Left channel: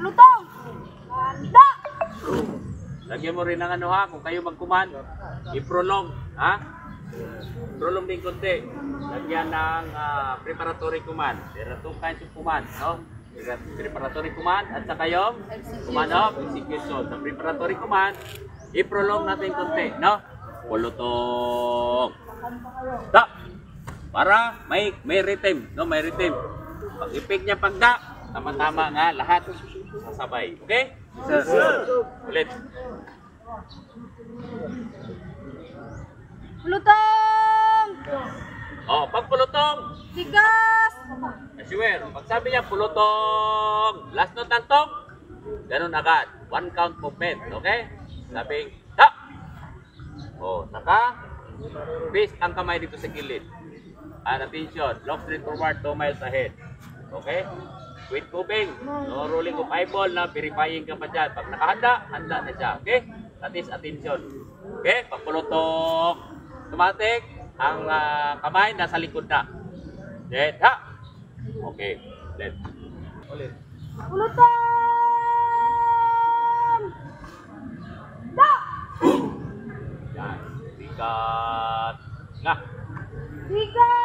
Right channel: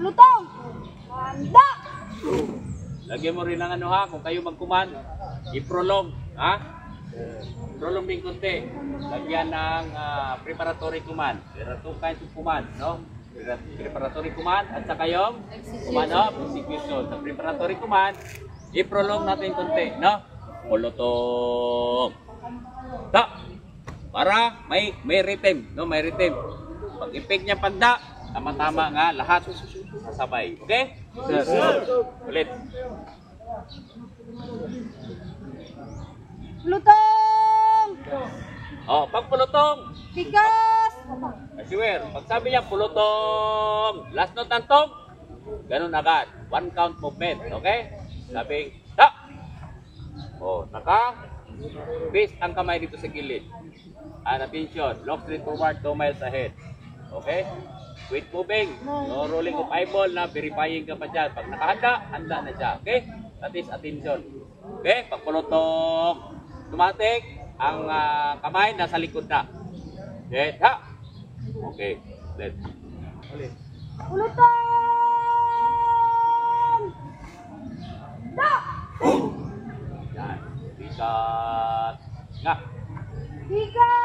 Lutong! Handa! Lagyan mo rin ng ano ha, kung kayo mag-command, i-prolong, ha? Prolong din konti. Lagyan ng preparatory command. There are two kinds of command, no? Preparatory command at saka yung command of execution. Sa preparatory command, i-prolong natin konti, no? Pulutong. Da! Para may rhythm, no? May rhythm. Pag ipig niya pagda, tama-tama nga lahat sasabay. Okay? Ulit. Lutong! Oh, pag pulutong, Tigas! assume. Pag sabi niya pulutong, last note ng tong, ganun agad. One count movement, okay? Sabing, ta! Oh, naka, base ang kamay dito sa gilid. And attention, long straight forward 2 miles ahead. Okay? Quit moving. No rolling of eyeball na verifying ka pa dyan. Pag nakahanda, handa na siya. Okay? That is attention. Okay? Pag pulutong, automatic, ang kamay nasa likod na. Then, ha! Okay. Then, ulit. Lutong! Da! Yan. Bigat. Nga. Tigas!